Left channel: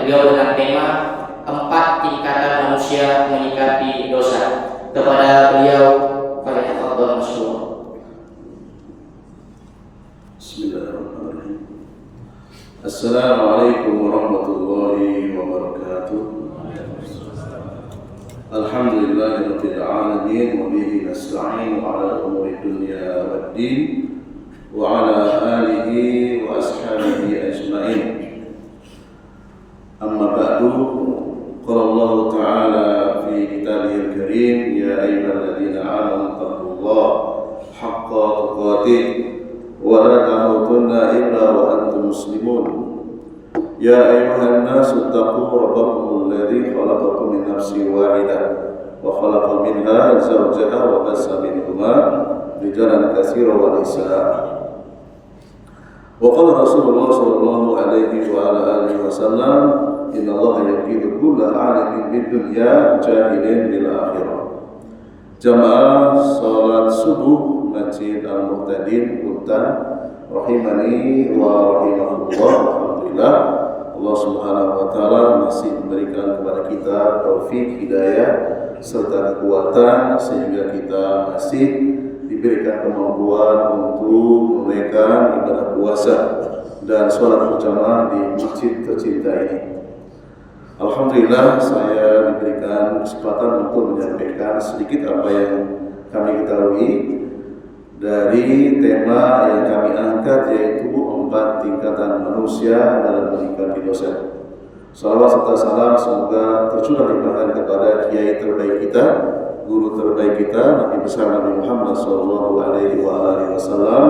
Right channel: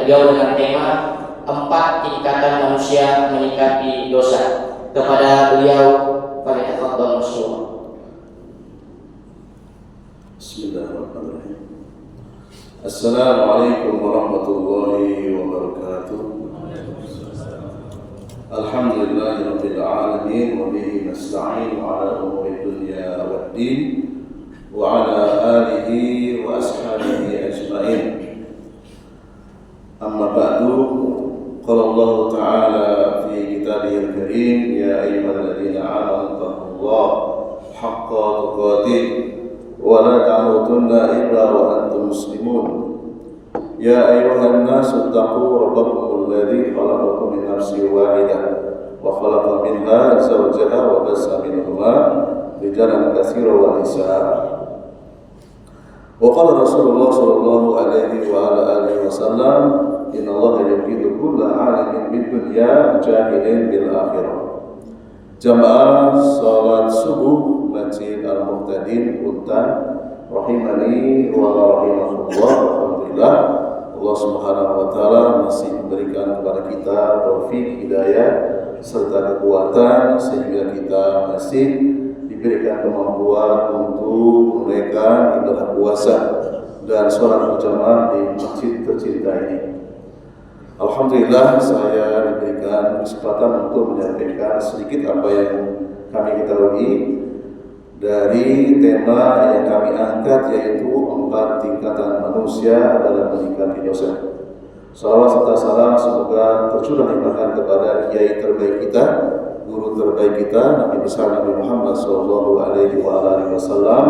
beliau dengan tema 4 tingkatan manusia menyikapi dosa. Kepada beliau, falyatafadhal masykur. Bismillahirrahmanirrahim. Assalamualaikum warahmatullahi wabarakatuh. Alhamdulillahirabbil alamin wa bihi nasta'in ala umuri dunya waddin wa ala alihi wa ashabihi ajma'in. Amma ba'du, qala Allah ta'ala fi kitabihil karim, ya ayyuhalladzina amanu taqullaha haqqa tuqatih wa la tamutunna illa wa antum muslimun. Ya ayyuhan nasu taqu rabbakum alladzi khalaqakum min nafsin wahidah wa khalaqa minha zawjaha wa bassa minhuma rijalan katsiran wa nisaa. Wa qala Rasulullah sallallahu alaihi wa ala alihi wasallam, inna Allaha yaqidu kulla 'alimin bid dunya jahilin bil akhirah. Jamaah salat subuh Masjid Al-Muhtadin Untan rahimani wa rahimakumullah. Alhamdulillah, Allah Subhanahu wa taala masih memberikan kepada kita taufik, hidayah serta kekuatan sehingga kita masih diberikan kemampuan untuk menunaikan ibadah puasa dan sholat berjamaah di masjid tercinta ini. Alhamdulillah, saya diberikan kesempatan untuk menyampaikan sedikit apa yang kami ketahui dari tema yang kami angkat, yaitu 4 tingkatan manusia dalam menyikapi dosa. Salawat serta salam semoga tercurah limpahkan kepada kiai terbaik kita, guru terbaik kita, Nabi besar Nabi Muhammad sallallahu alaihi wasallam,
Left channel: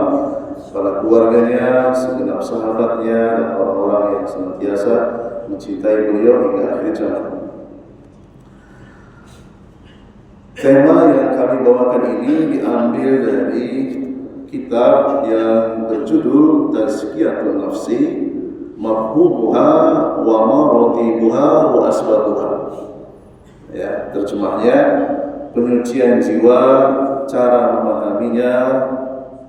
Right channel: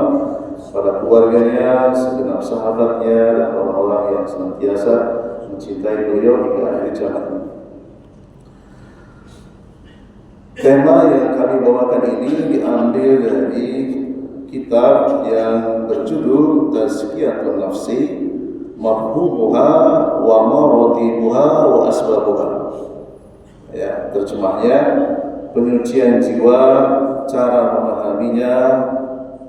para keluarganya, segenap sahabatnya, dan orang-orang yang senantiasa mencintai beliau hingga akhir zaman. Tema yang kami bawakan ini diambil dari kitab yang berjudul Tazkiyatun Nafsi, Mafhumuha wa Maratibuha wa Asbabuha. Ya, terjemahnya penyucian jiwa, cara memahaminya,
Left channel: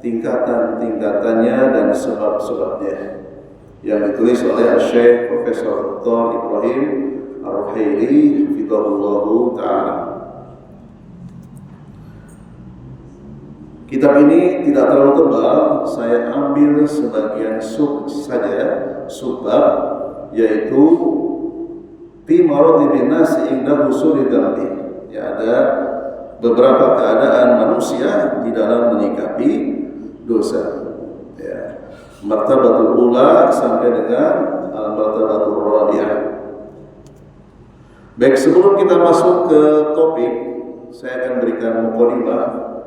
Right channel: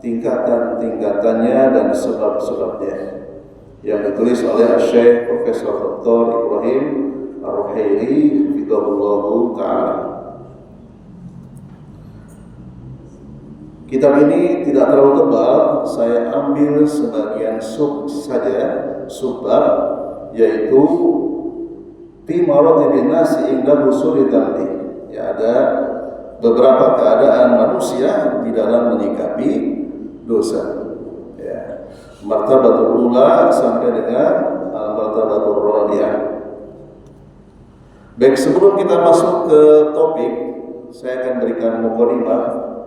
tingkatan-tingkatannya dan sebab-sebabnya, yang ditulis oleh Syekh Profesor Dr. Ibrahim Ar-Ruhaili hafizahullahu ta'ala. Kitab ini tidak terlalu tebal, saya ambil sebagian subbab, yaitu fi maratibin nasi inda husuli dzambi. Ya, ada beberapa keadaan manusia di dalam menyikapi dosa. Ya. Martabatul ula sampai dengan martabatul rabi'ah. Baik, sebelum kita masuk ke topik, saya akan berikan mukadimah,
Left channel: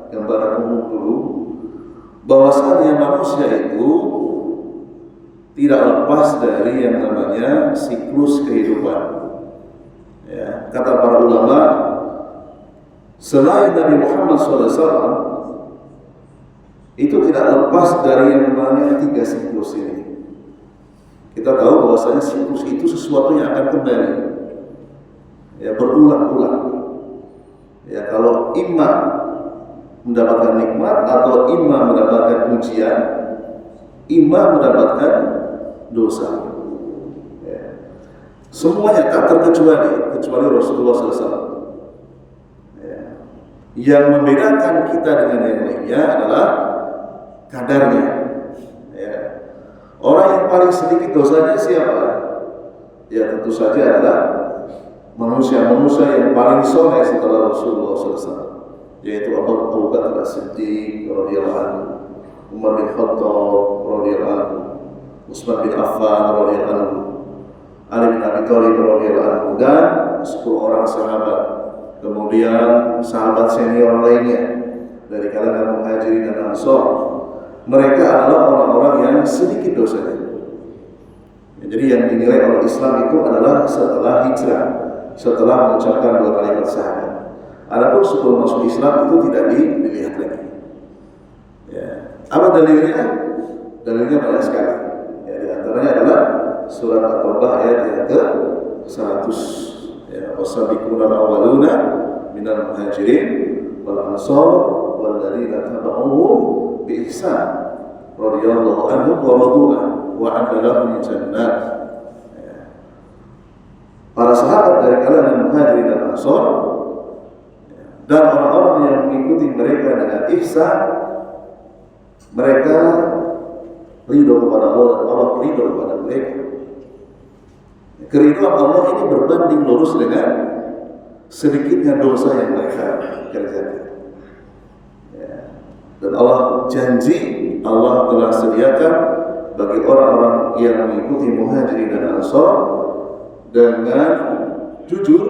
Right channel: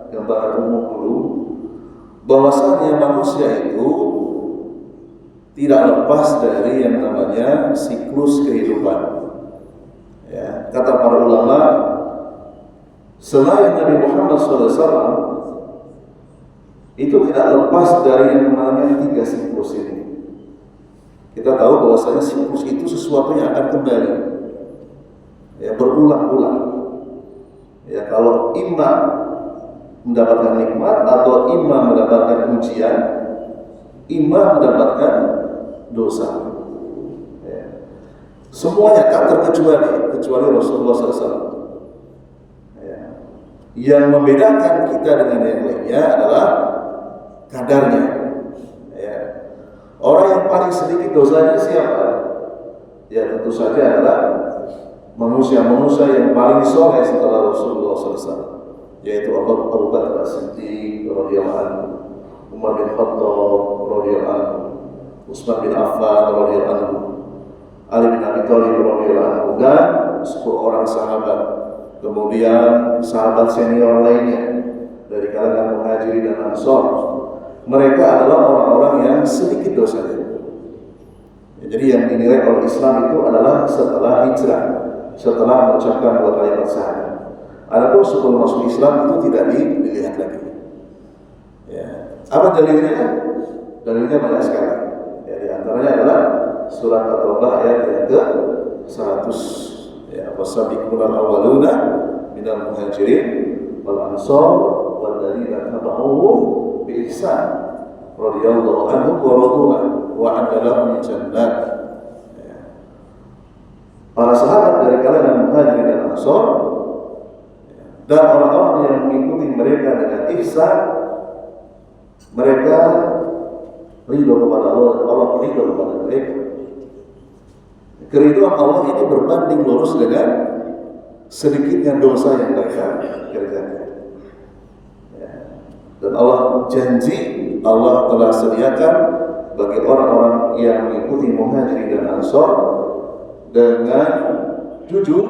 gambaran umum dulu, bahwasanya manusia itu tidak lepas dari yang namanya siklus kehidupan. Ya, kata para ulama, selain Nabi Muhammad SAW itu tidak lepas dari yang namanya 3 siklus ini. Kita tahu bahwasanya siklus itu sesuatu yang akan kembali, ya, berulang-ulang. Ya, kalau imam mendapatkan nikmat atau imam mendapatkan ujian, imam mendapatkan dosa. Ya. Semuanya tak kecuali Rasulullah SAW. Ya. Yang membedakan kita dengan yang lainnya adalah kadarnya. Ya. Orang yang paling sedikit dosanya siapa? Ya, tentu saja adalah manusia yang paling soleh setelah Rasulullah SAW, yaitu Abu Bakar As-Siddiq radhiyallahu anhu, Umar bin Khattab radhiyallahu anhu, Utsman bin Affan radhiyallahu anhu, Ali bin Abi Thalib radhiyallahu anhu, dan 10 orang sahabat. Kemudian sahabat senior lainnya dari kalangan Muhajirin dan Ansor. Mereka adalah orang-orang yang sedikit dosanya. Ya, jadi yang dinilai oleh Islam itu adalah setelah hijrah, setelah mengucapkan 2 kalimat syahadat. Adapun sebelum masuk Islam itu tidak dilihat lagi. Ya. Apa dalilnya? Dalilnya banyak sekali. Ya, di antaranya adalah surat At-Taubah ayat yang ke-100. Ya, wasabiqunal awwaluna minal muhajirin wal ansar wal ladzina tabauhum bi ihsan radhiyallahu anhum wa radu an wa 'adda lahum jannat. Muhajirin dan Ansor dan orang-orang yang mengikuti mereka dengan ihsan, mereka ridho kepada Allah dan Allah ridho kepada mereka. Keridhaan Allah ini berbanding lurus dengan sedikitnya dosa yang mereka kerjakan. Dan Allah janji, Allah telah sediakan bagi orang-orang yang mengikuti Muhajirin dan Ansor dengan jujur,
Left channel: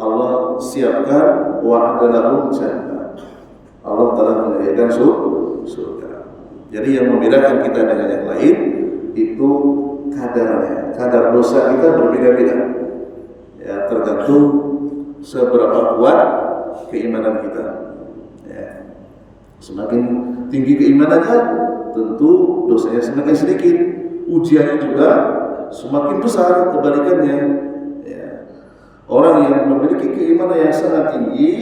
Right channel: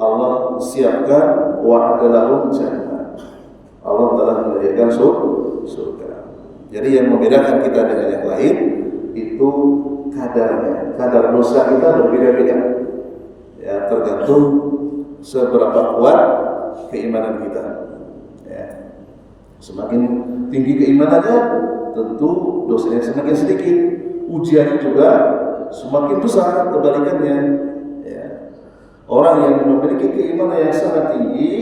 Allah siapkan wa'adalahum jannah. Allah telah menyediakan surga. Jadi yang membedakan kita dengan yang lain itu kadarnya. Kadar dosa kita berbeda-beda. Ya, tergantung seberapa kuat keimanan kita. Ya. Semakin tinggi keimanannya, tentu dosanya semakin sedikit. Ujiannya juga semakin besar, kebalikannya. Ya. Orang yang memiliki keimanan yang sangat tinggi,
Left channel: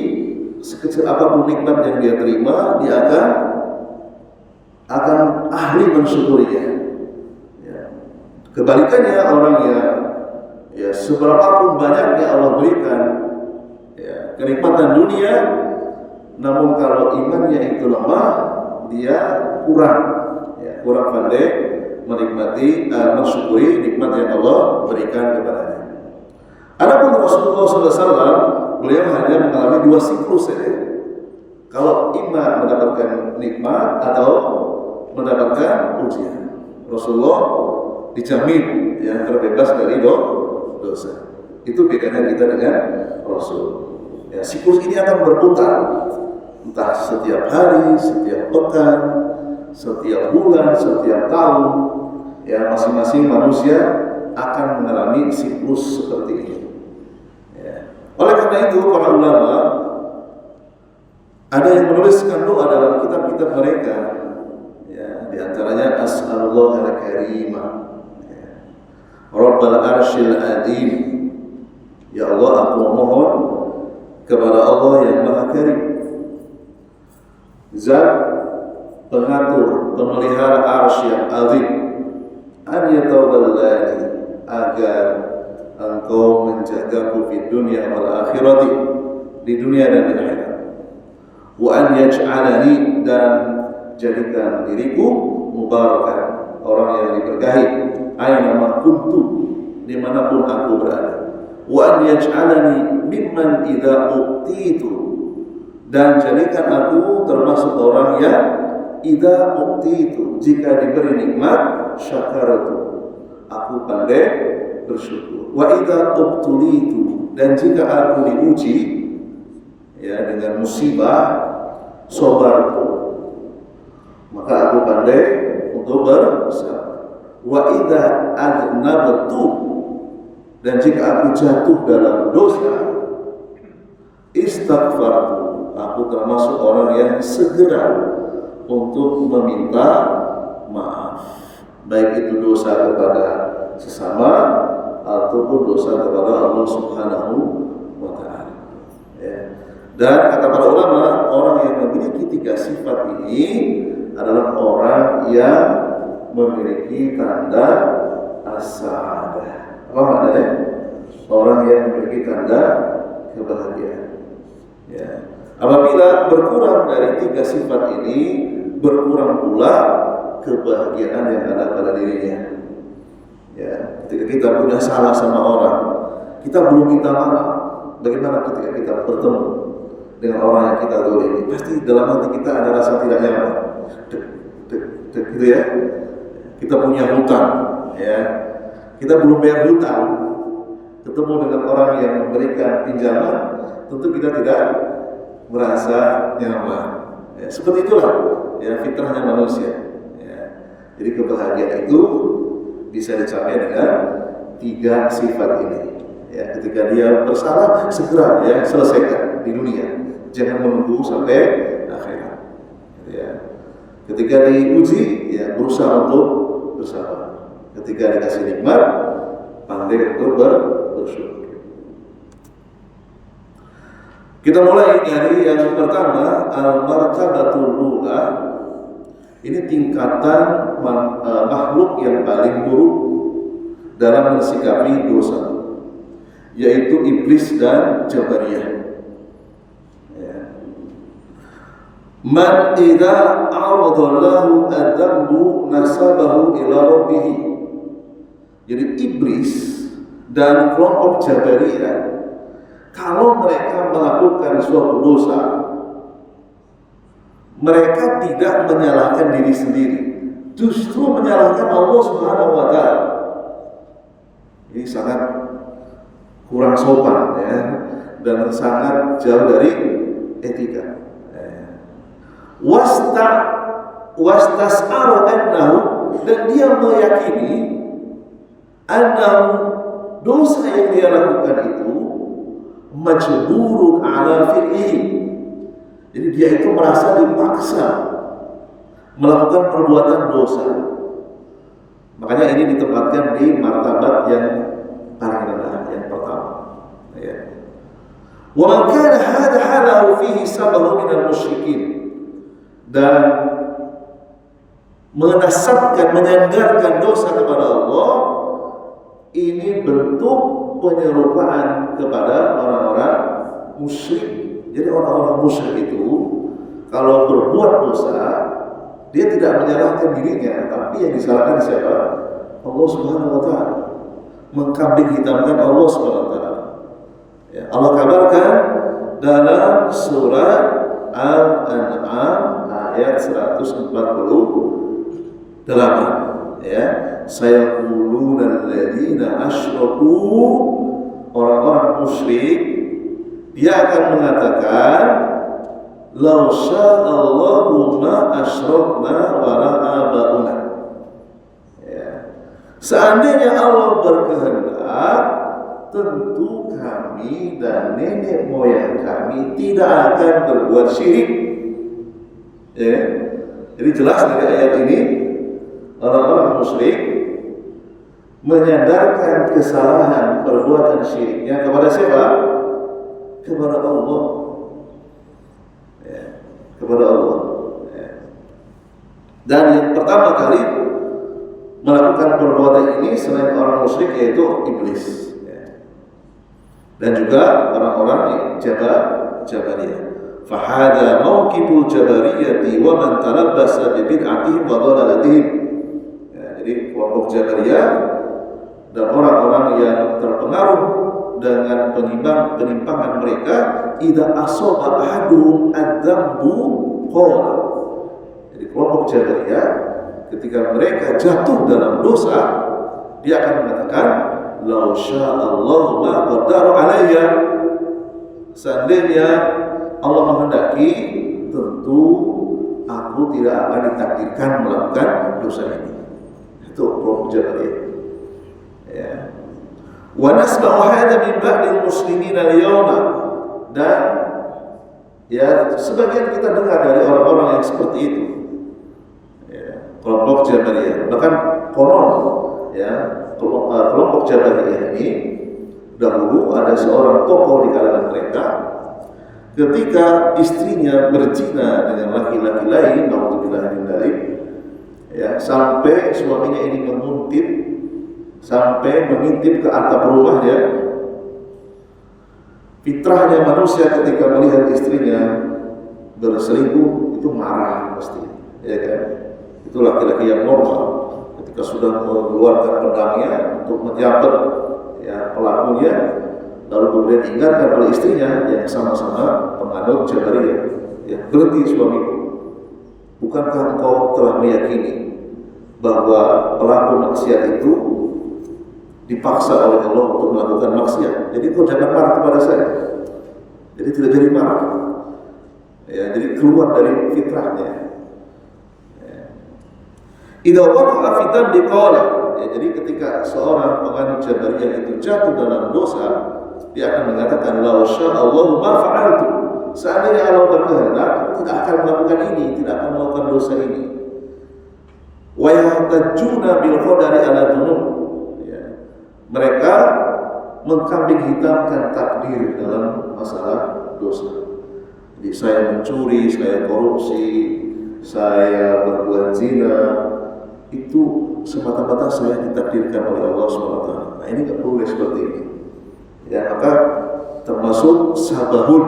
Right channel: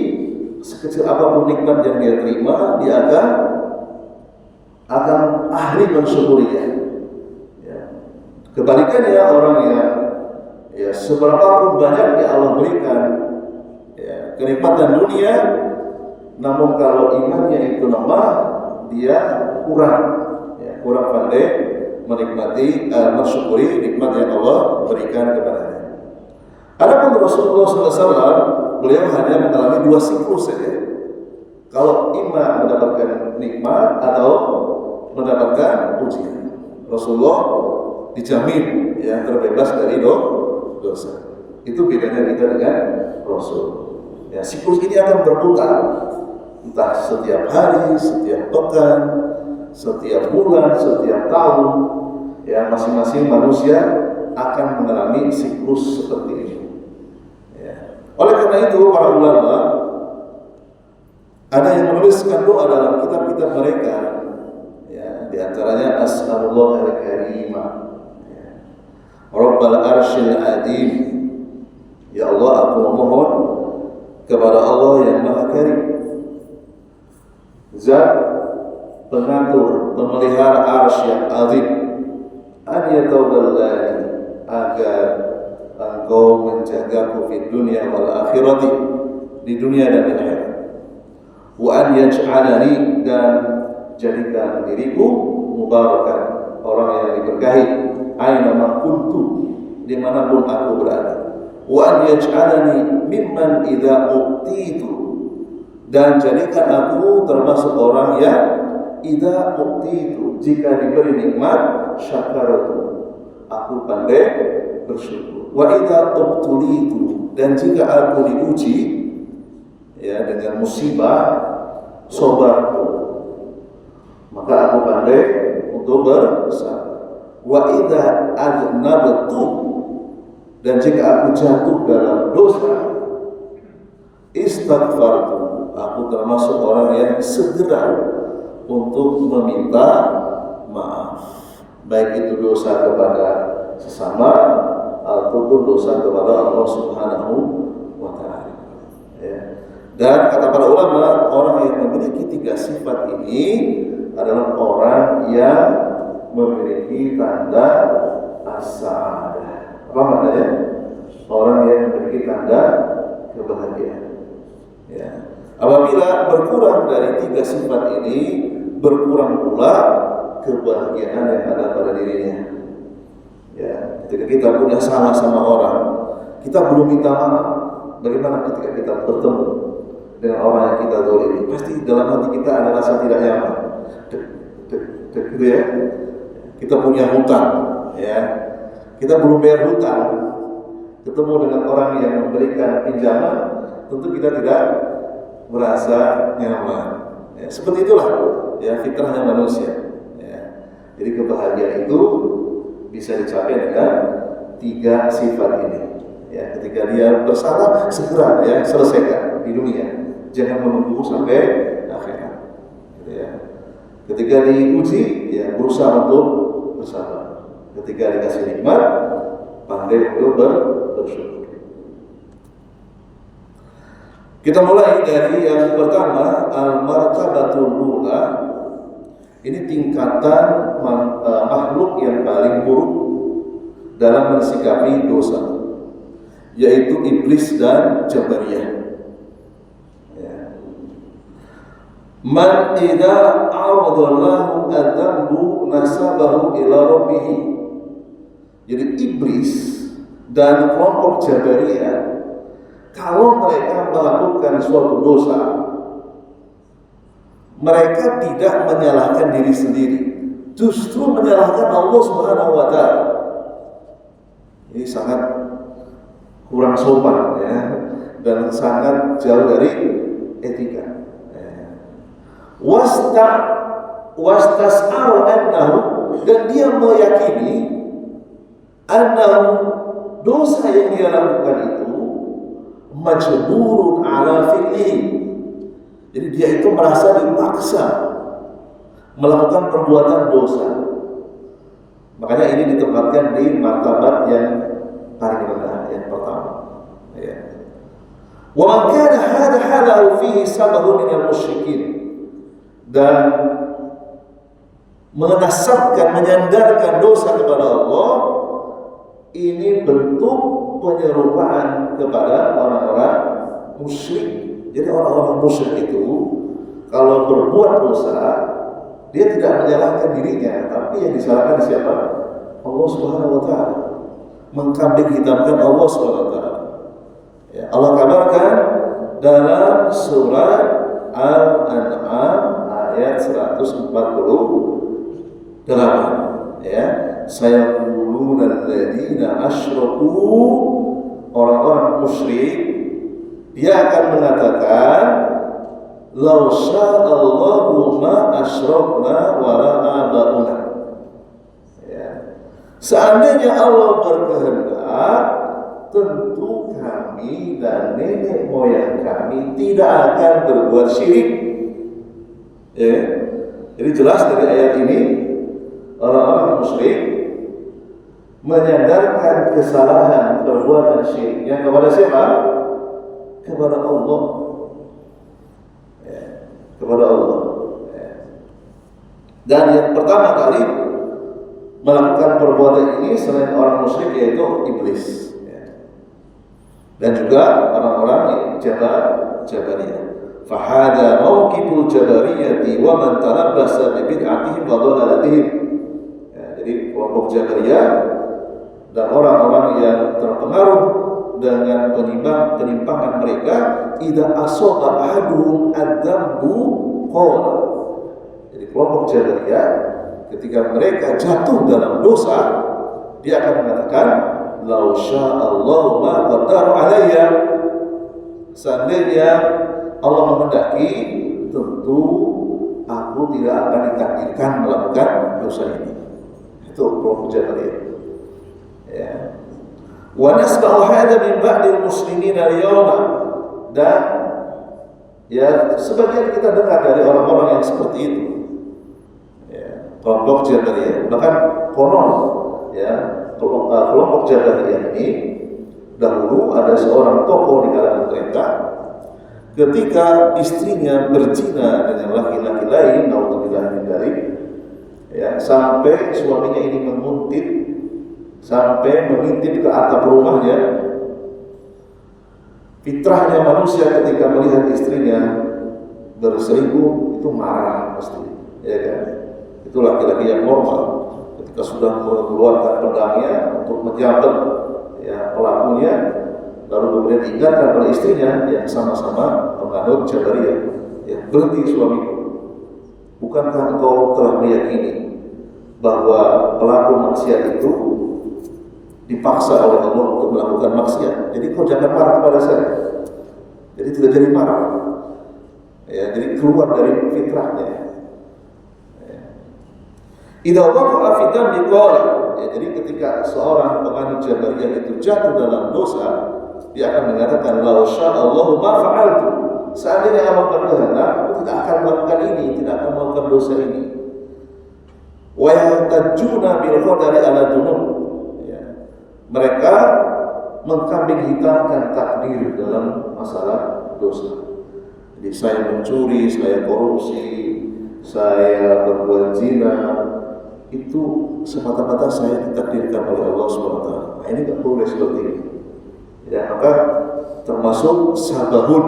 sekecil apapun nikmat yang dia terima, dia akan ahli mensyukurinya. Ya. Kebalikannya, orang yang seberapapun banyaknya Allah berikan kenikmatan dunia, namun kalau imannya itu lemah, dia kurang pandai menikmati, mensyukuri nikmat yang Allah berikan kepadanya. Adapun Rasulullah SAW, beliau hanya mengalami 2 siklus saja. Kalau imam mendapatkan nikmat atau mendapatkan ujian, Rasulullah dijamin yang terbebas dari dosa. Itu bedanya kita dengan Rasul. Ya, siklus ini akan berputar, entah setiap hari, setiap pekan, setiap bulan, setiap tahun. Ya, masing-masing manusia akan mengalami siklus seperti ini. Ya. Oleh karena itu, para ulama ada yang menuliskan doa dalam kitab-kitab mereka. Ya, di antaranya As'alullah al-Karimah, ya, Rabbal Arshil Adim. Ya Allah, aku memohon kepada Allah yang Maha Karim, Zat pengatur, pemelihara arsy yang azim, an yatawallani, agar engkau menjagaku di dunia wal akhirati, di dunia dan di akhirat, wa an yaj'alani, dan jadikan diriku mubarakan, orang yang diberkahi, aina ma kuntu, dimanapun aku berada, wa an yaj'alani mimman idza uqtitu, dan jadikan aku termasuk orang yang idza uqtitu, jika diberi nikmat, syakaratu, aku pandai bersyukur, wa idza ubtulitu, dan jika aku diuji ya dengan musibah, sabartu, maka aku pandai untuk bersabar, wa idza adnabtu, dan jika aku jatuh dalam dosa, istighfartu, aku termasuk orang yang segera untuk meminta maaf, baik itu dosa kepada sesama ataupun dosa kepada Allah Subhanahu wa Ta'ala. Ya. Dan kata para ulama, orang yang memiliki 3 sifat ini adalah orang yang memiliki tanda as-sa'adah. Apa maknanya? Orang yang memiliki tanda kebahagiaan. Ya. Apabila berkurang dari 3 sifat ini, berkurang pula kebahagiaan yang ada pada dirinya. Ya, ketika kita punya salah sama orang, kita belum minta maaf. Bagaimana ketika kita bertemu dengan orang yang kita dolimi? Pasti dalam hati kita ada rasa tidak nyaman. Gitu ya. Kita punya hutang, ya. Kita belum bayar hutang. Ketemu dengan orang yang memberikan pinjaman, tentu kita tidak merasa nyaman. Ya, seperti itulah ya fitrahnya manusia. Ya. Jadi kebahagiaan itu bisa dicapai dengan 3 sifat ini. Ya, ketika dia bersalah, segera ya selesaikan di dunia. Jangan menunggu sampai akhirat. Gitu ya. Ketika diuji, ya berusaha untuk bersabar. Ketika dikasih nikmat, pandai untuk bersyukur. Kita mulai dari yang pertama, al-martabatul ula. Ini tingkatan makhluk yang paling buruk dalam mensikapi dosa, yaitu iblis dan Jabariyah. Man idza a'radallahu adzambu nasabahu ila rabbih. Jadi iblis dan kelompok Jabariyah, kalau mereka melakukan suatu dosa, mereka tidak menyalahkan diri sendiri, justru menyalahkan Allah Subhanahu wa taala. Ini sangat kurang sopan ya, dan sangat jauh dari etika. Wastas'aru annahu, dan dia meyakini annahu, dosa yang dia lakukan itu majburun ala fi'li. Jadi dia itu merasa dipaksa melakukan perbuatan dosa. Makanya ini ditempatkan di martabat yang paling rendah, yang pertama. Ya. Wa man kana hadha halahu fihi sabahu minal musyrikin, dan menasabkan, menyandarkan dosa kepada Allah, ini bentuk penyerupaan kepada orang-orang musyrik. Jadi orang-orang musyrik itu kalau berbuat dosa, dia tidak menyalahkan dirinya, tapi yang disalahkan siapa? Allah Subhanahu wa taala. Mengkambing hitamkan Allah Subhanahu wa taala. Ya, Allah kabarkan dalam surat Al-An'am ayat 148, ya, sayaquluna alladziina asyraku, orang-orang musyrik dia akan mengatakan law sya'allahu ma asyrakna wa la abauna. Ya. Seandainya Allah berkehendak, tentu kami dan nenek moyang kami tidak akan berbuat syirik. Ya. Jadi jelas dari ayat ini orang-orang musyrik menyandarkan kesalahan perbuatan syiriknya kepada siapa? Kepada Allah. Ya, kepada Allah. Ya. Dan yang pertama kali melakukan perbuatan ini selain orang musyrik yaitu iblis. Ya. Dan juga orang-orang Jabariyah. Fahada mauqiful Jabariyati wa man talabbasa bi bid'atihim wa dhalalatihim. Ya, jadi kelompok Jabariyah dan orang-orang yang terpengaruh dengan penyimpangan mereka, idza asaba ahaduhum adzambu qala. Jadi kelompok Jabariyah ketika mereka jatuh dalam dosa, dia akan mengatakan law sya'allahu ma qaddaru alayya. Seandainya Allah menghendaki, tentu aku tidak akan ditakdirkan melakukan dosa ini. Itu kelompok Jabariyah. Ya. Wa nasma'u hadza min ba'dil muslimin al-yawma, dan ya sebagian kita dengar dari orang-orang yang seperti itu. Ya, kelompok Jabariyah. Bahkan konon ya, kelompok Jabariyah ini dahulu ada seorang tokoh di kalangan mereka. Ketika istrinya berzina dengan laki-laki lain, naudzubillah min dzalik, ya, sampai suaminya ini menguntit, sampai mengintip ke atap rumahnya. Fitrahnya manusia ketika melihat istrinya berselingkuh itu marah pasti, ya kan? Itu laki-laki yang normal. Ketika sudah mengeluarkan pedangnya untuk menyabet ya pelakunya, lalu kemudian diingatkan oleh istrinya yang sama-sama penganut Jabariyah, ya, berhenti suamiku, bukankah engkau telah meyakini bahwa pelaku maksiat itu dipaksa oleh Allah untuk melakukan maksiat, jadi kau jangan marah kepada saya. Jadi tidak jadi marah, ya, jadi keluar dari fitrahnya. Idza waqa'a fi dhanbi qala, ya, jadi ketika seorang penganut Jabariyah itu jatuh dalam dosa, dia akan mengatakan la sya'allahu ma fa'altu. Seandainya Allah berkehendak, aku tidak akan melakukan ini, tidak akan melakukan dosa ini. Wa yahtajuna bil qadari ala dzunub. Ya. Mereka mengkambing hitamkan takdir dalam masalah dosa. Jadi saya mencuri, saya korupsi, saya berbuat zina, itu semata-mata saya ditakdirkan oleh Allah SWT. Nah, ini tidak boleh seperti ini. Ya, maka termasuk sabahun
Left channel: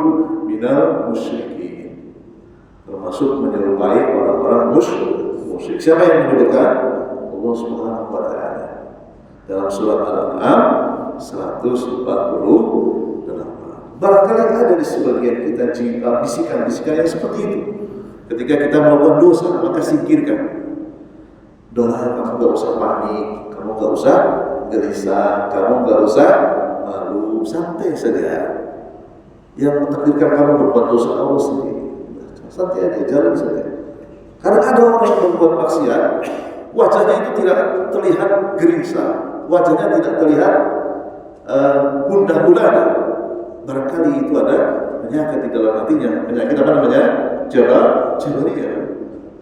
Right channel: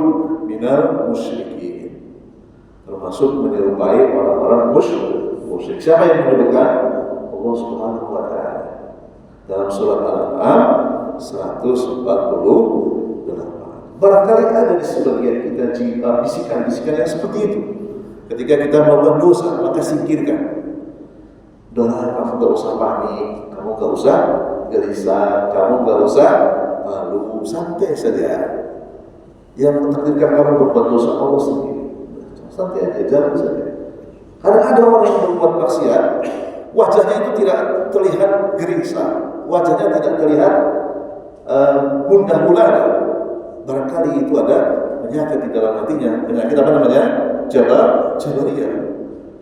minal musyrikin, termasuk menyerupai orang-orang musyrik. Siapa yang menyebutkan? Allah Subhanahu wa taala dalam surat Al-An'am 148. Barangkali ada di sebagian kita bisikan-bisikan yang seperti itu. Ketika kita melakukan dosa, maka singkirkan. Udahlah, kamu gak usah panik, kamu gak usah gelisah, kamu gak usah malu, santai saja. Yang mentakdirkan kamu berbuat dosa Allah sendiri. Santai aja, jalan saja. Karena ada orang yang berbuat maksiat, wajahnya itu tidak terlihat gelisah, wajahnya tidak terlihat gundah gulana. Barangkali itu ada penyakit di dalam hatinya. Penyakit apa namanya? Jabariyah.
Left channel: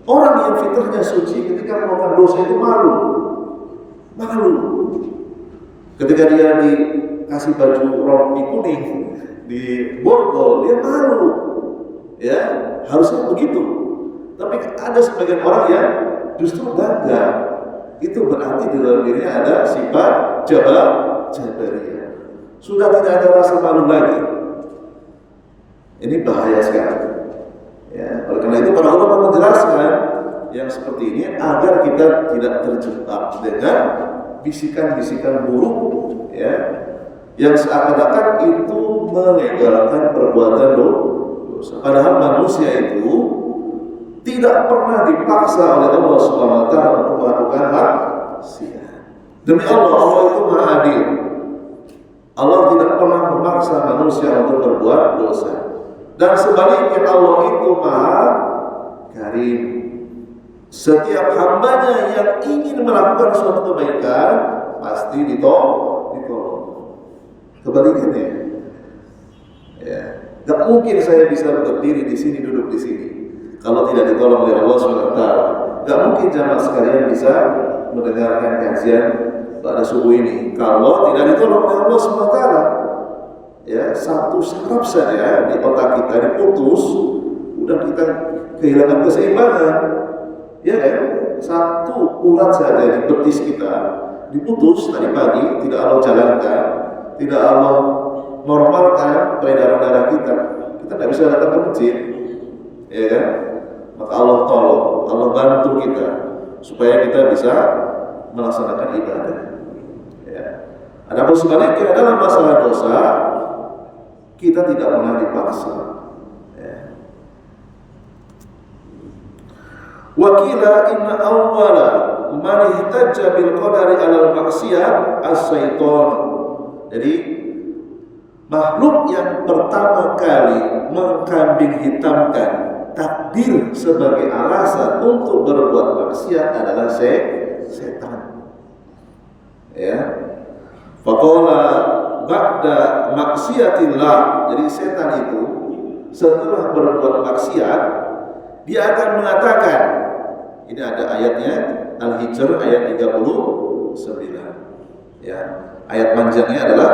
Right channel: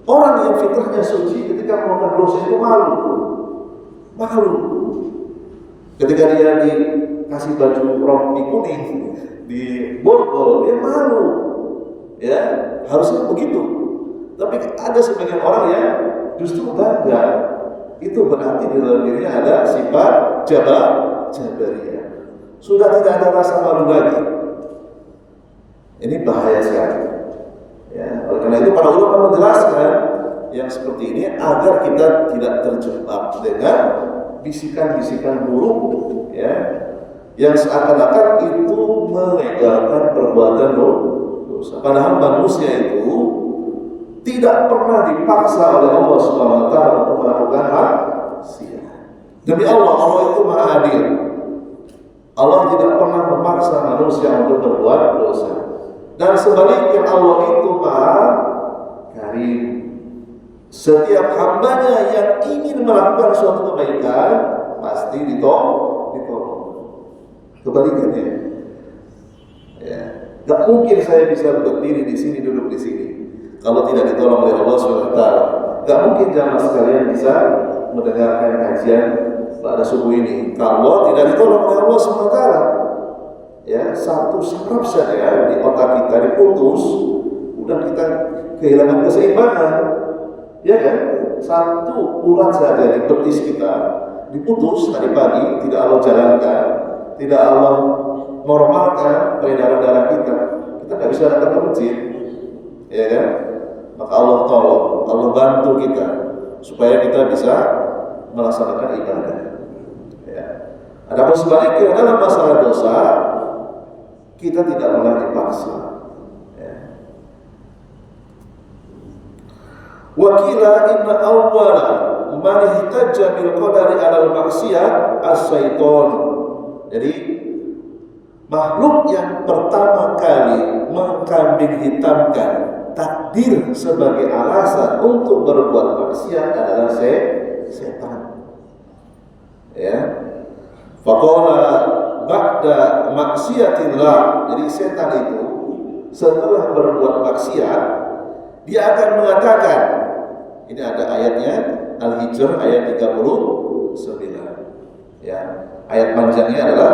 Orang yang fitrahnya suci ketika melakukan dosa itu malu. Ketika dia dikasih baju rompi kuning di borgol, dia malu. Ya, harusnya begitu. Tapi ada sebagian orang yang justru bangga. Itu berarti di dalam dirinya ada sifat jabariyah. Sudah tidak ada rasa malu lagi. Ini bahaya sekali. Ya, oleh karena itu para ulama menjelaskan yang seperti ini agar kita tidak terjebak dengan bisikan-bisikan buruk, ya, yang seakan-akan itu melegalkan perbuatan dosa. Padahal manusia itu tidak pernah dipaksa oleh Allah Subhanahu wa taala untuk melakukan maksiat. Demi Allah, Allah itu Maha Adil. Allah tidak pernah memaksa manusia untuk berbuat dosa. Dan sebaliknya Allah itu Maha Karim. Setiap hambanya yang ingin melakukan suatu kebaikan pasti ditolong. Kebalikannya, ya, gak mungkin saya bisa berdiri di sini, duduk di sini kalau tidak ditolong oleh Allah SWT. Gak mungkin jamaah sekalian bisa mendengarkan kajian pada subuh ini kalau tidak ditolong oleh Allah SWT. Ya, satu saraf saja di otak kita diputus, udah kita kehilangan keseimbangan. Ya kan? Satu urat saja di betis kita diputus tadi pagi, tidak Allah jalankan, tidak Allah normalkan peredaran darah kita tidak bisa datang ke masjid, ya kan? Maka Allah tolong, Allah bantu kita supaya kita bisa melaksanakan ibadah. Ya. Adapun sebaliknya dalam masalah dosa, kita tidak pernah dipaksa. Wakila inna awwala man ihtajja bil qadari 'alal maksiyah as-syaitan. Jadi makhluk yang pertama kali mengkambing hitamkan takdir sebagai alasan untuk berbuat maksiat adalah setan. Ya. Faqala ba'da maksiatillah. Jadi setan itu setelah berbuat maksiat dia akan mengatakan, ini ada ayatnya Al-Hijr ayat 39. Ya, ayat panjangnya adalah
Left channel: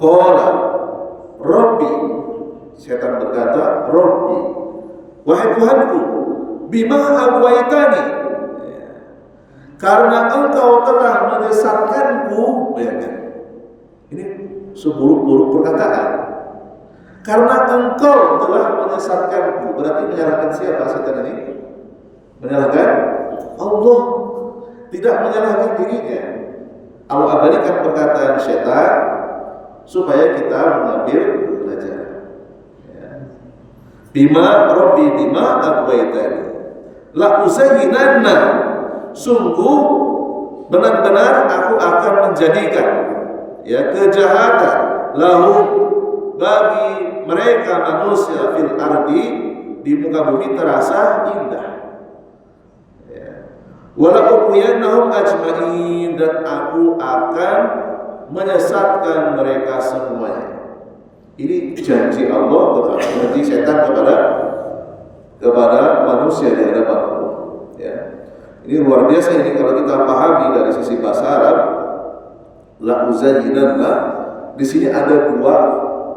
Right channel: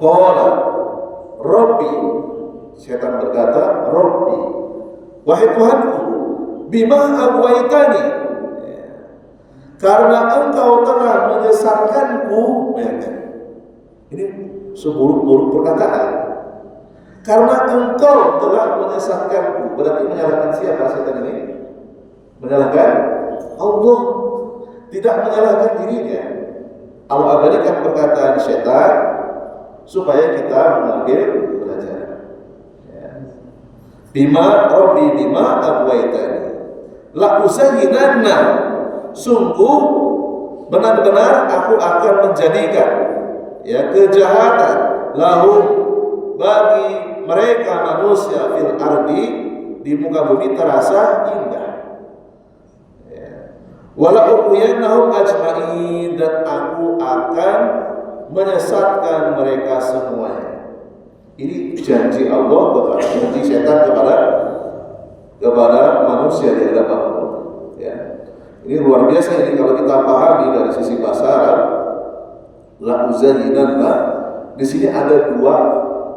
qala Rabbi. Setan berkata, Rabbi, wahai Tuhanku, bima aghwaytani, ya, karena engkau telah menyesatkanku. Bayangkan, ini seburuk-buruk perkataan. Karena engkau telah menyesatkanku, berarti menyalahkan siapa setan ini? Menyalahkan Allah, tidak menyalahkan dirinya. Allah abadikan perkataan setan supaya kita mengambil pelajaran. Ya. Bima Rabbi bima aghwaytani la uzayyinanna, sungguh benar-benar aku akan menjadikan, ya, kejahatan lahum, bagi mereka manusia fil ardi, di muka bumi terasa indah. Wala uqiyannahum ajma'in, dan aku akan menyesatkan mereka semuanya. Ini janji Allah, janji setan kepada manusia di hadapan Allah. Ya. Ini luar biasa ini kalau kita pahami dari sisi bahasa Arab. La uzayyinanna, di sini ada dua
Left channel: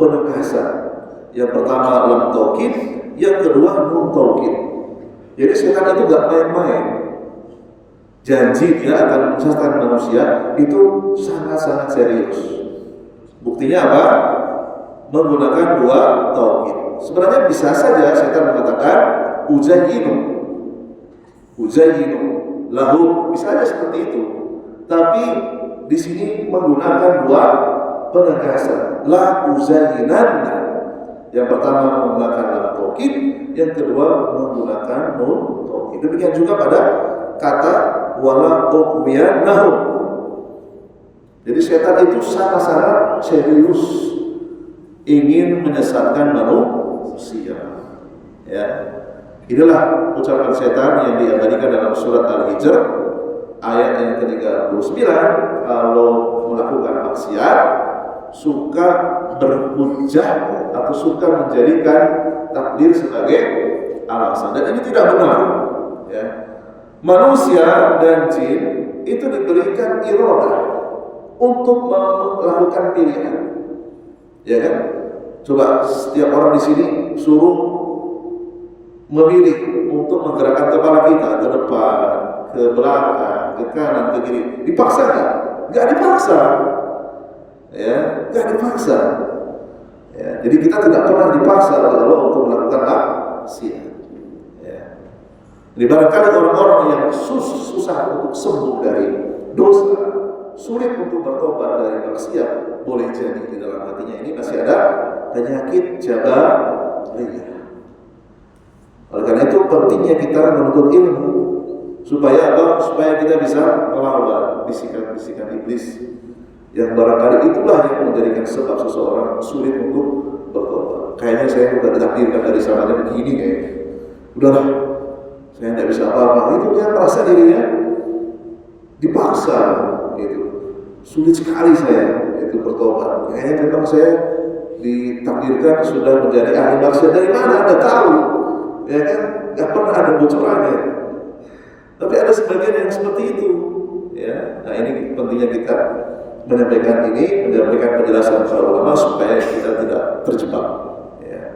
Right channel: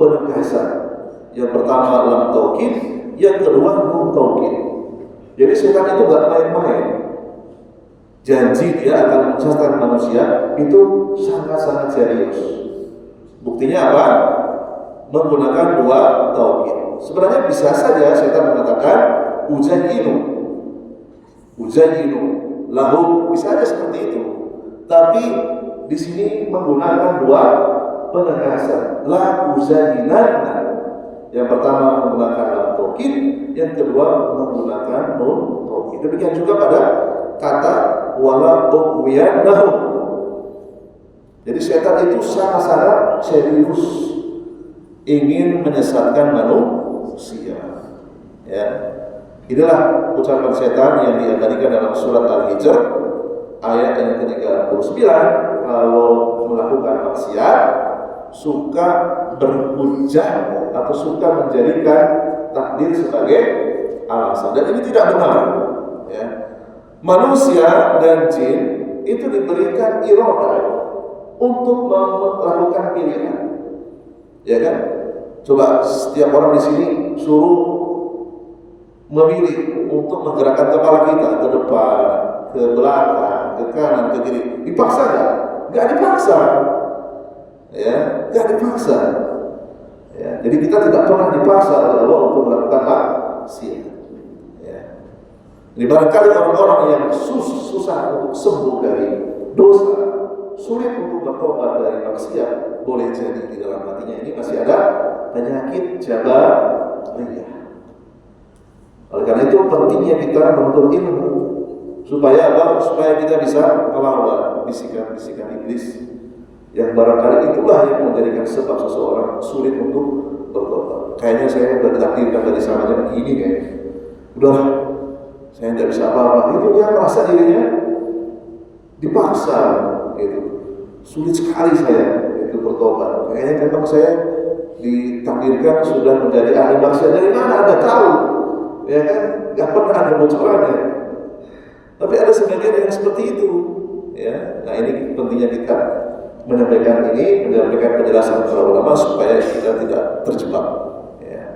penegasan. Yang pertama lam taukid, yang kedua nun taukid. Jadi setan itu gak main-main. Janji dia akan menyesatkan manusia itu sangat-sangat serius. Bukan Buktinya apa? Menggunakan dua taukid. Sebenarnya bisa saja setan mengatakan uzayyinu lahu, bisa aja seperti itu. Tapi di sini menggunakan dua penegasan. La uzayyinanna. Yang pertama menggunakan lam taukid, yang kedua menggunakan nun taukid. Demikian juga pada kata wala uqwiyannahu. Jadi setan itu sangat-sangat serius ingin menyesatkan manusia. Ya, inilah ucapan setan yang diabadikan dalam surat Al-Hijr ayat yang ke-39. Kalau melakukan maksiat, suka berhujjah atau suka menjadikan takdir sebagai alasan, dan ini tidak benar. Ya, manusia dan jin itu diberikan iradah untuk melakukan pilihan, ya kan? Coba setiap orang di sini suruh memilih untuk menggerakkan kepala kita ke depan, ke belakang, ke kanan, ke kiri. Dipaksa nggak? Nggak dipaksa, ya, nggak dipaksa. Ya, jadi kita tidak pernah dipaksa oleh Allah untuk melakukan maksiat. Ya. Jadi barangkali orang-orang yang susah untuk sembuh dari dosa, sulit untuk bertobat dari maksiat, boleh jadi di dalam hatinya ini masih ada penyakit jabariyah. Oleh karena itu pentingnya kita menuntut ilmu supaya apa? Supaya kita bisa melawan bisikan-bisikan iblis yang barangkali itulah yang menjadikan sebab seseorang sulit untuk bertobat. Kayaknya saya sudah ditakdirkan dari sananya begini kayaknya. Udahlah, saya tidak bisa apa-apa. Itu dia merasa dirinya dipaksa. Itu sulit sekali saya itu bertobat. Kayaknya memang saya ditakdirkan sudah menjadi ahli maksiat. Dari mana Anda tahu? Ya kan, nggak pernah ada bocorannya. Tapi ada sebagian yang seperti itu. Ya, nah ini pentingnya kita menyampaikan penjelasan para ulama supaya kita tidak terjebak. Ya.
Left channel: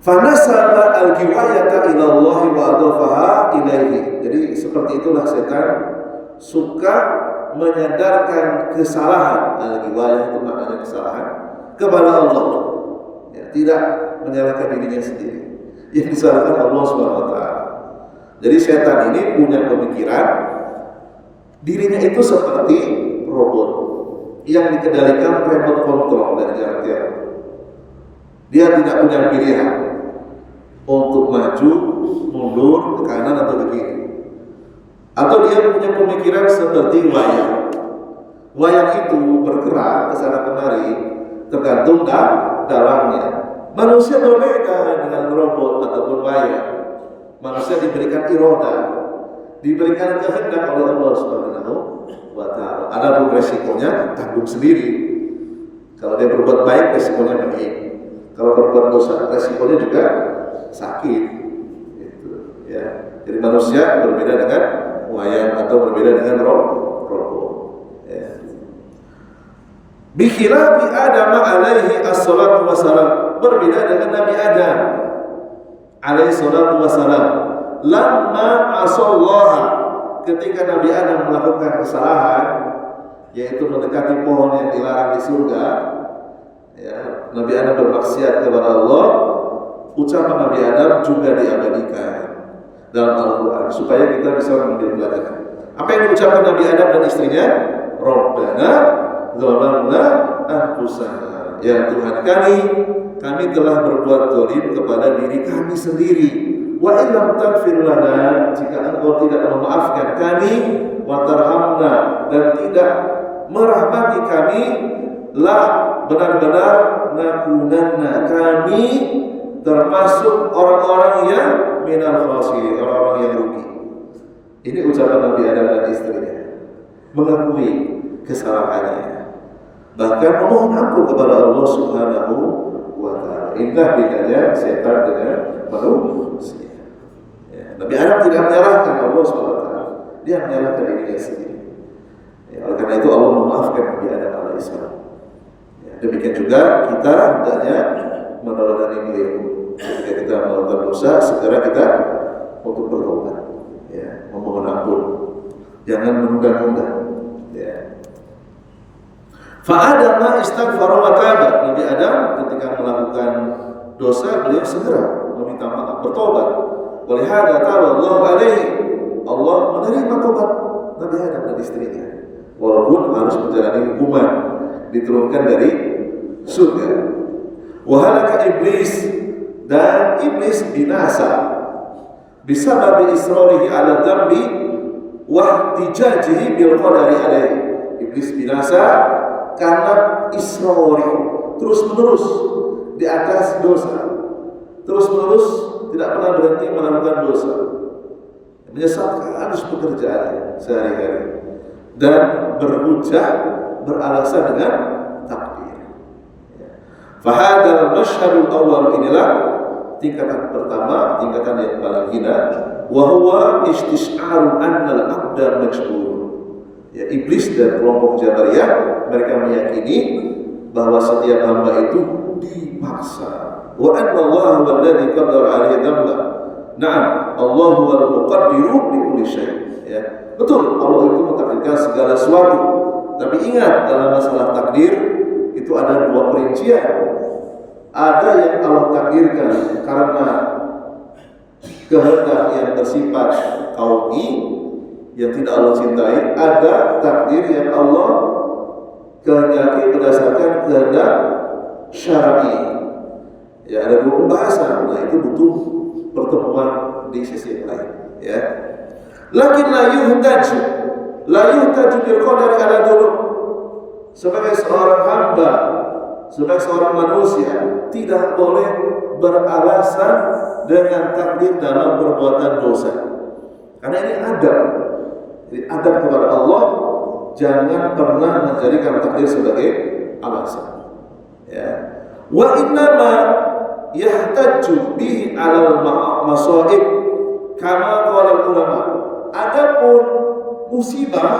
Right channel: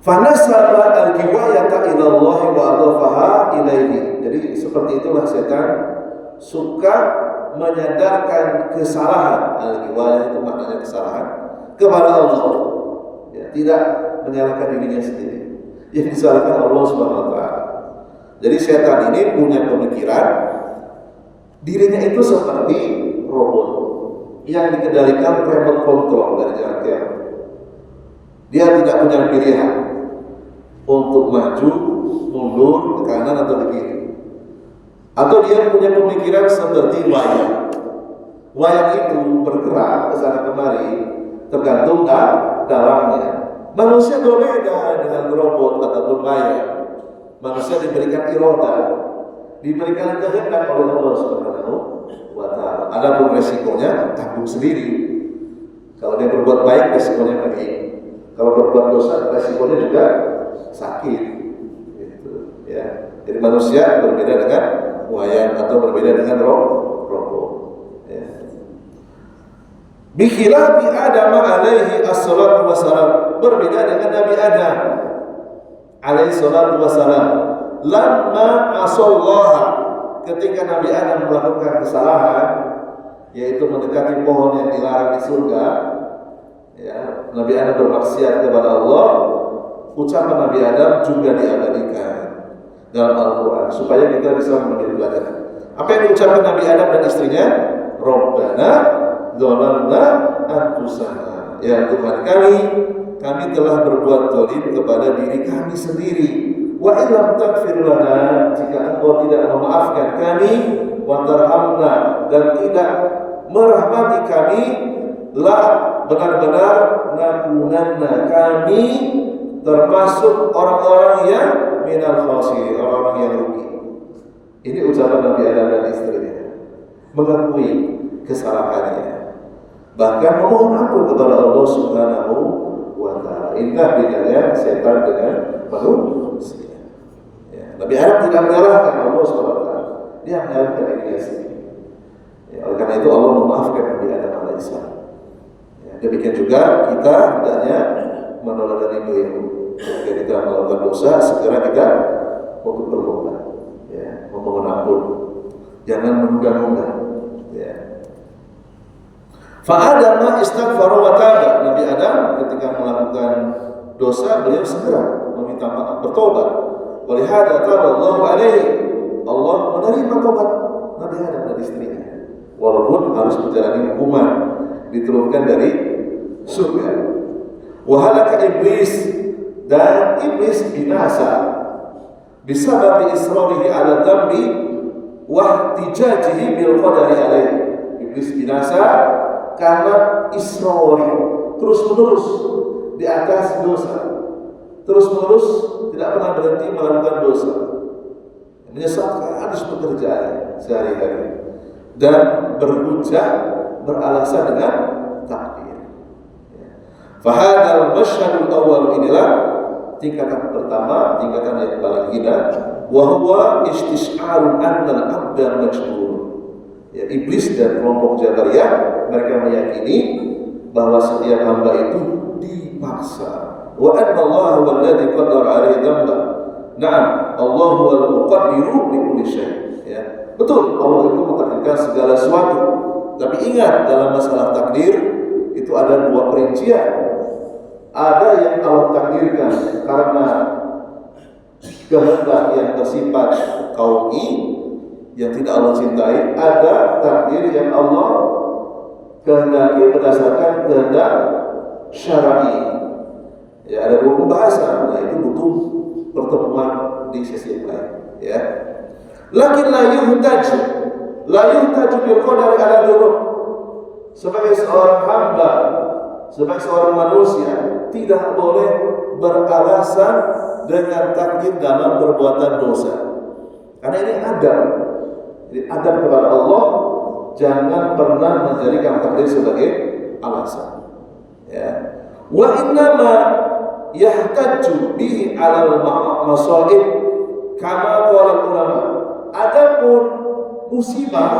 Fanasaba al-giwayata ila Allah wa adhafaha ilaihi. Jadi seperti itulah setan suka menyadarkan kesalahan. Al-giwayah itu maknanya kesalahan kepada Allah. Ya, tidak menyalahkan dirinya sendiri. Yang disalahkan Allah SWT. Jadi setan ini punya pemikiran dirinya itu seperti robot yang dikendalikan remote control dari jarak jauh. Dia tidak punya pilihan untuk maju, mundur, ke kanan atau ke kiri. Atau dia punya pemikiran seperti wayang. Wayang itu bergerak ke sana kemari tergantung dalamnya. Manusia berbeda dengan robot ataupun wayang. Manusia diberikan iroda, diberikan kehendak oleh Allah Subhanahu wa Ta'ala. Adapun resikonya tanggung sendiri. Kalau dia berbuat baik, resikonya baik. Kalau berbuat dosa, resikonya juga sakit. Gitu, ya. Jadi manusia berbeda dengan wayang atau berbeda dengan robot. Ya. Bikhilafi Adam alaihi assalatu wassalam, berbeda dengan Nabi Adam alaihi salatu wassalam. Lamma asallaha, ketika Nabi Adam melakukan kesalahan, yaitu mendekati pohon yang dilarang di surga, ya, Nabi Adam bermaksiat kepada Allah. Ucapan Nabi Adam juga diabadikan dalam Al-Quran supaya kita bisa mengambil pelajaran. Apa yang diucapkan Nabi Adam dan istrinya? Rabbana zalamna anfusana, ya Tuhan kami telah berbuat zalim kepada diri kami sendiri. Wa illam taghfir lana, jika Engkau tidak memaafkan kami, wa tarhamna, dan tidak merahmati kami, la, benar-benar nakunanna, kami termasuk orang-orang yang minal khasirin, orang-orang yang rugi. Ini ucapan Nabi Adam dan istrinya, mengakui kesalahannya, bahkan memohon ampun kepada Allah Subhanahu wa Ta'ala. Indah bedanya setan dengan manusia. Ya, Nabi Adam tidak menyalahkan Allah SWT, dia menyalahkan dirinya sendiri. Ya, oleh karena itu Allah memaafkan Nabi Adam alaihissalam. Ya, demikian juga kita hendaknya meneladani beliau. Jika kita melakukan dosa, segera kita untuk bertobat, ya, memohon ampun, jangan menunda-nunda. Ya. Fa'adama istaghfara wa taba. Nabi Adam ketika melakukan dosa beliau segera meminta maaf, bertobat. Walihada taballahu alaihi. Allah menerima tobat Nabi Adam dan istrinya. Walaupun harus menjalani hukuman diturunkan dari surga. Wahalaka iblis, dan iblis binasa bisababi israrihi ala dhambi wa ihtijajihi bil qadari alaihi. Iblis binasa karena israri, terus-menerus di atas dosa, terus-menerus tidak pernah berhenti melakukan dosa, menyesatkan pekerjaan sehari-hari, dan berhujjah, beralasan dengan takdir. Fahadal masyhadul awwal, inilah tingkatan pertama, tingkatan yang paling hina, wa huwa istis'arun annal abda majbur. Ya, iblis dan kelompok Jabariyah mereka meyakini bahwa setiap hamba itu dipaksa. Wa anna Allah huwa alladhi qaddara 'alaihi dhanba. Na'am, Allah huwal muqaddiru li kulli syai'. Ya, betul, Allah itu mentakdirkan segala sesuatu. Tapi ingat, dalam masalah takdir itu ada dua perincian. Ada yang Allah takdirkan karena kehendak yang bersifat qauli, yang tidak Allah cintai. Ada takdir yang Allah kehendaki berdasarkan kehendak syar'i. Ya, ada dua pembahasan. Nah, itu butuh pertemuan di sesi yang lain. Ya. Lakin la yuhtaju bil qadari ala dzunub. Sebagai seorang hamba, sebagai seorang manusia, tidak boleh beralasan dengan takdir dalam perbuatan dosa. Karena ini adab. Jadi adab kepada Allah, jangan pernah menjadikan takdir sebagai alasan. Ya. Wa innama yahtaju bihi 'alal masaib kama qala ulama. Adapun musibah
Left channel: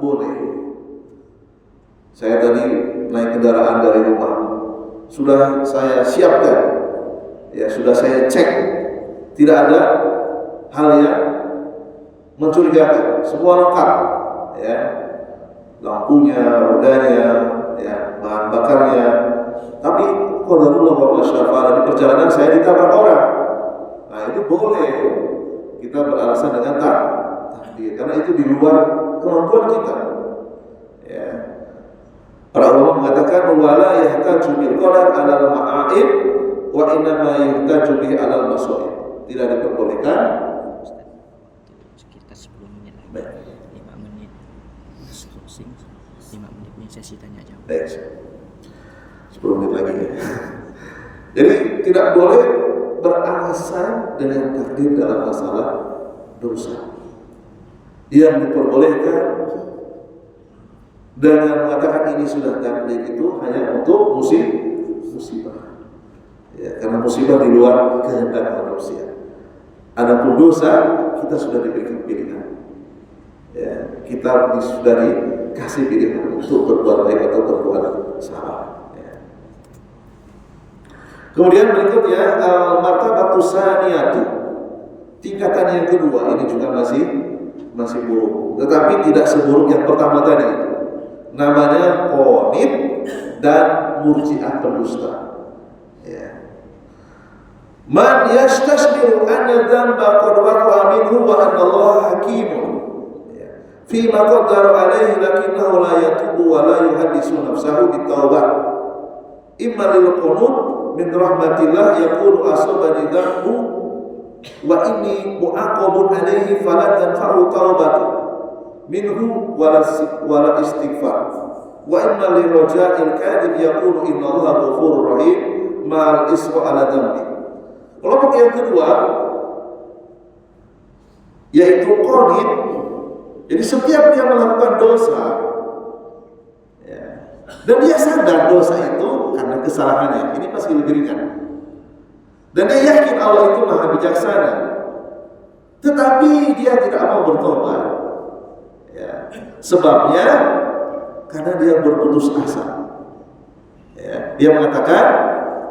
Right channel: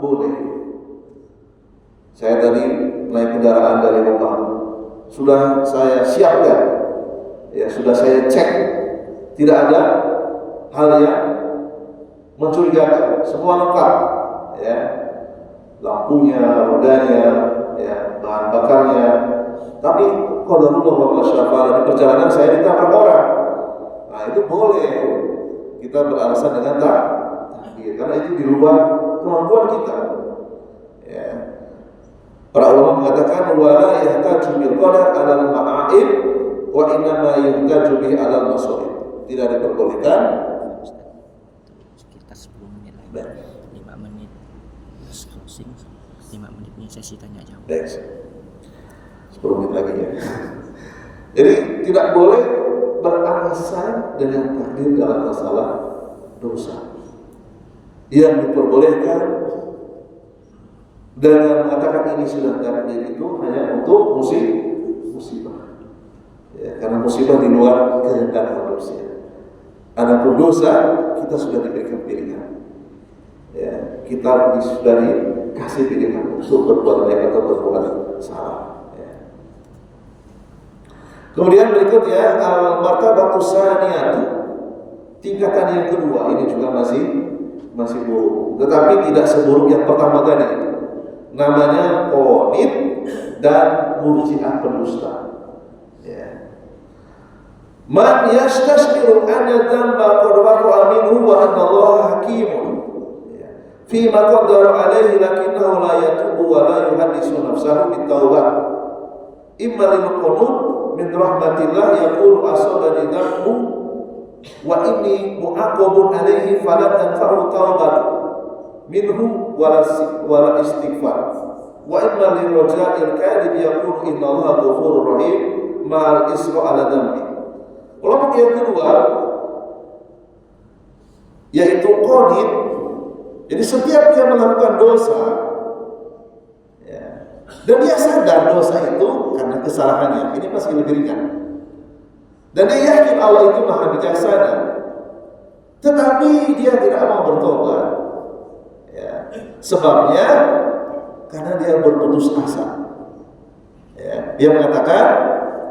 boleh. Saya tadi naik kendaraan dari rumah, sudah saya siapkan, ya sudah saya cek, tidak ada hal yang mencurigakan, semua lengkap, ya, lampunya, rodanya, ya, bahan bakarnya. Tapi qadarullah wa masyafa'ala, di perjalanan saya ditabrak orang. Nah, itu boleh kita beralasan dengan takdir, karena itu di luar kemampuan kita. Ya. Para ulama mengatakan wala yahtaju bil qadar 'alal ma'aib wa innama yahtaju bihi 'alal masaib. Tidak diperbolehkan. Sekitar 10 menit lagi. 5 menit closing, 5 menit ini sesi tanya jawab. Baik. 10 menit lagi ya. Jadi tidak boleh beralasan dengan takdir dalam masalah dosa. Yang diperbolehkan dengan mengatakan ini sudah takdir itu hanya untuk musibah. Ya, karena musibah di luar kehendak manusia. Adapun dosa kita sudah diberikan pilihan. Ya, kita sudah dikasih pilihan untuk berbuat baik atau berbuat salah. Ya. Kemudian berikutnya al-martabatu tsaniyatu, tingkatan yang kedua, ini juga masih buruk, tetapi tidak seburuk yang pertama tadi. Namanya qanit dan murji'ah pendusta. Ya. Man yastashbiru anna dhanba qad waqa'a minhu wa anna Allah hakimun. Ya. Fi ma qaddara alayhi lakinnahu la yatubu wa la yuhaddisu nafsahu bitawbah. Imma lil qunut min rahmatillah yaqulu asabani dhanbu wa inni mu'aqabun alayhi fala tanfa'u tawbatu minhu wala istighfar. Wa imma li raja'il kadhib yaqulu inna Allah ghafurur rahim ma'al isra ala dhanbi. Kelompok yang kedua yaitu qanit. Jadi setiap dia melakukan dosa, ya, dan dia sadar dosa itu karena kesalahannya, ini pasti lebih ringan. Dan dia yakin Allah itu maha bijaksana, tetapi dia tidak mau bertobat. Ya, sebabnya karena dia berputus asa. Ya, dia mengatakan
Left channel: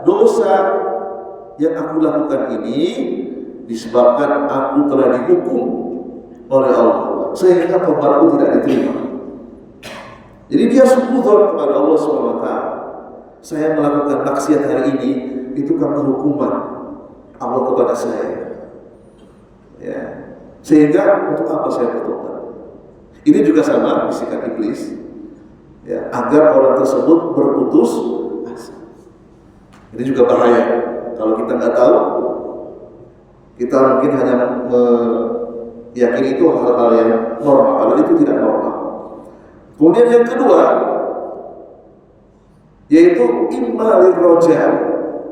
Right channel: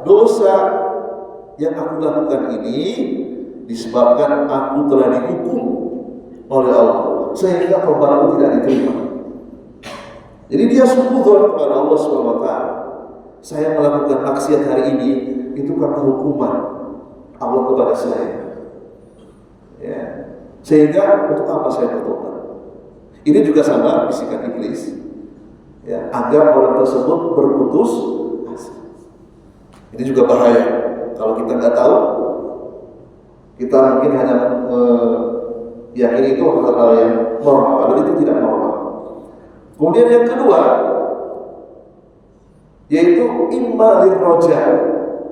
dosa yang aku lakukan ini disebabkan aku telah dihukum oleh Allah sehingga tobatku tidak diterima. Jadi dia suudzon kepada Allah SWT. Saya melakukan maksiat hari ini itu karena hukuman Allah kepada saya. Ya. Sehingga untuk apa saya bertobat? Ini juga sama bisikan iblis. Ya, agar orang tersebut berputus asa. Ini juga bahaya. Kalau kita nggak tahu, kita mungkin hanya meyakini itu hal-hal yang normal, padahal itu tidak normal. Kemudian yang kedua, yaitu imma lirroja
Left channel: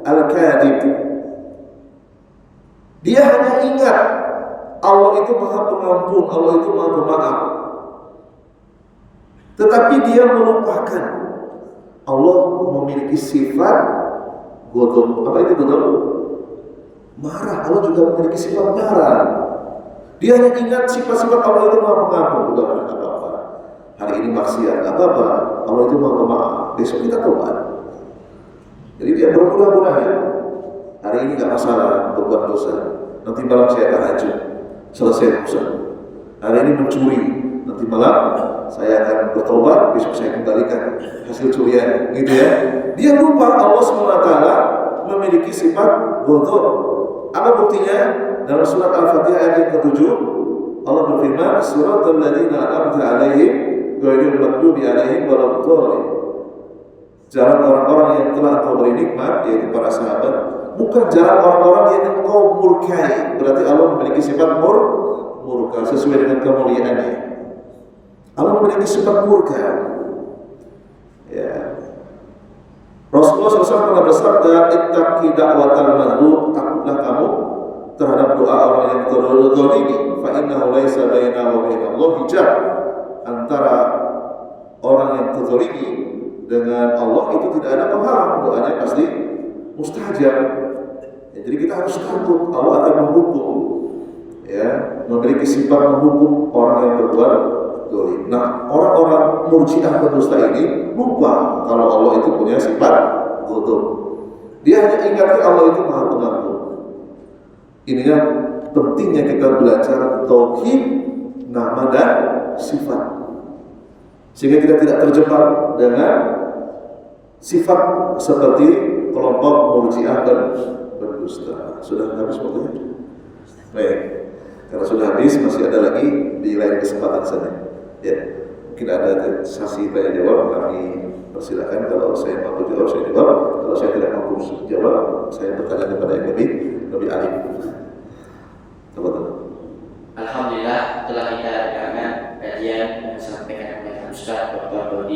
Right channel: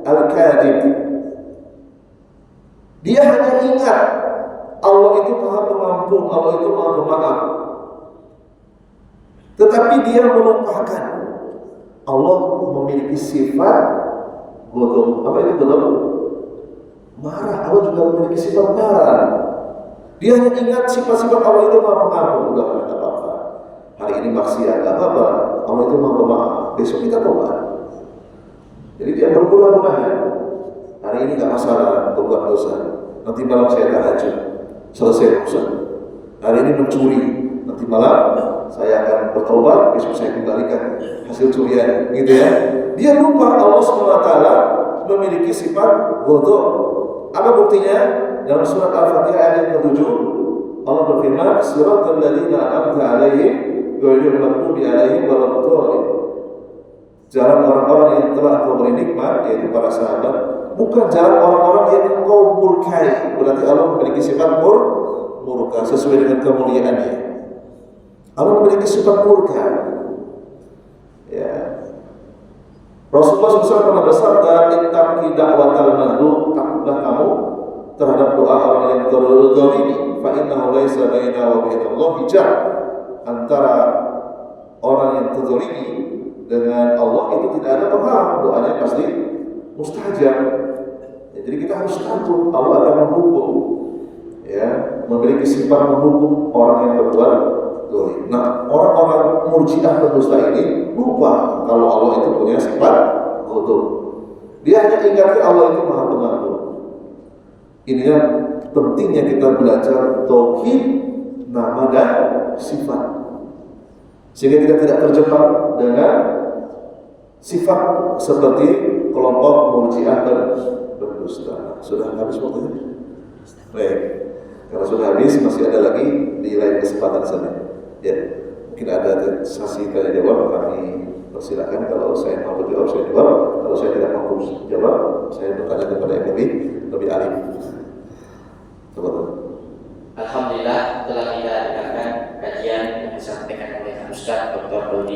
al-kadhib. Dia hanya ingat Allah itu maha pengampun, Allah itu maha pemaaf. Tetapi dia melupakan Allah memiliki sifat ghadab. Apa itu ghadab? Marah. Allah juga memiliki sifat marah. Dia hanya ingat sifat-sifat Allah itu maha pengampun, bukan apa-apa. Hari ini maksiat, gak apa-apa. Allah itu maha pemaaf. Besok kita tobat. Jadi dia berpura-pura ya. Hari ini gak masalah untuk buat dosa. Nanti malam saya tahajud, selesai dosa. Hari ini mencuri, nanti malam saya akan bertobat, besok saya kembalikan hasil curian, gitu ya. Dia lupa Allah SWT memiliki sifat ghadab. Apa buktinya? Dalam surat Al-Fatihah ayat yang ke-7, Allah berfirman, "Siratal ladzina an'amta 'alaihim ghairil maghdubi 'alaihim waladdallin." Jalan orang-orang yang telah Engkau beri nikmat, yaitu para sahabat, bukan jalan orang-orang yang Engkau murkai. Berarti Allah memiliki sifat murka sesuai dengan kemuliaannya. Allah memiliki sifat murka. Ya. Rasulullah SAW pernah bersabda, "Ittaqi da'watal mazlum." Takutlah kamu terhadap doa orang yang terzalimi. Fa innahu laisa bainahu wa bainallah hijab. Antara orang yang terzalimi dengan Allah itu tidak ada penghalang, doanya pasti mustajab. Ya, jadi kita harus takut Allah akan menghukum. Ya, memiliki sifat menghukum orang yang berbuat dolim. Nah, orang-orang murji'ah pendusta ini lupa kalau Allah itu punya sifat ghadab. Dia hanya ingatkan Allah itu maha pengampun. Inilah pentingnya kita belajar tauhid, nama dan sifat, sehingga kita tidak terjebak dengan sifat seperti kelompok murji'ah dan berdusta. Sudah habis waktunya? Baik. Kalau sudah habis, masih ada lagi di lain kesempatan saja. Ya, mungkin ada sesi tanya jawab, kami persilakan. Kalau saya mau jawab, saya jawab. Kalau saya tidak mau jawab, saya bertanya kepada yang lebih alim. Coba. Alhamdulillah telah kita dengarkan kajian yang disampaikan oleh Ustaz Dr. Dodi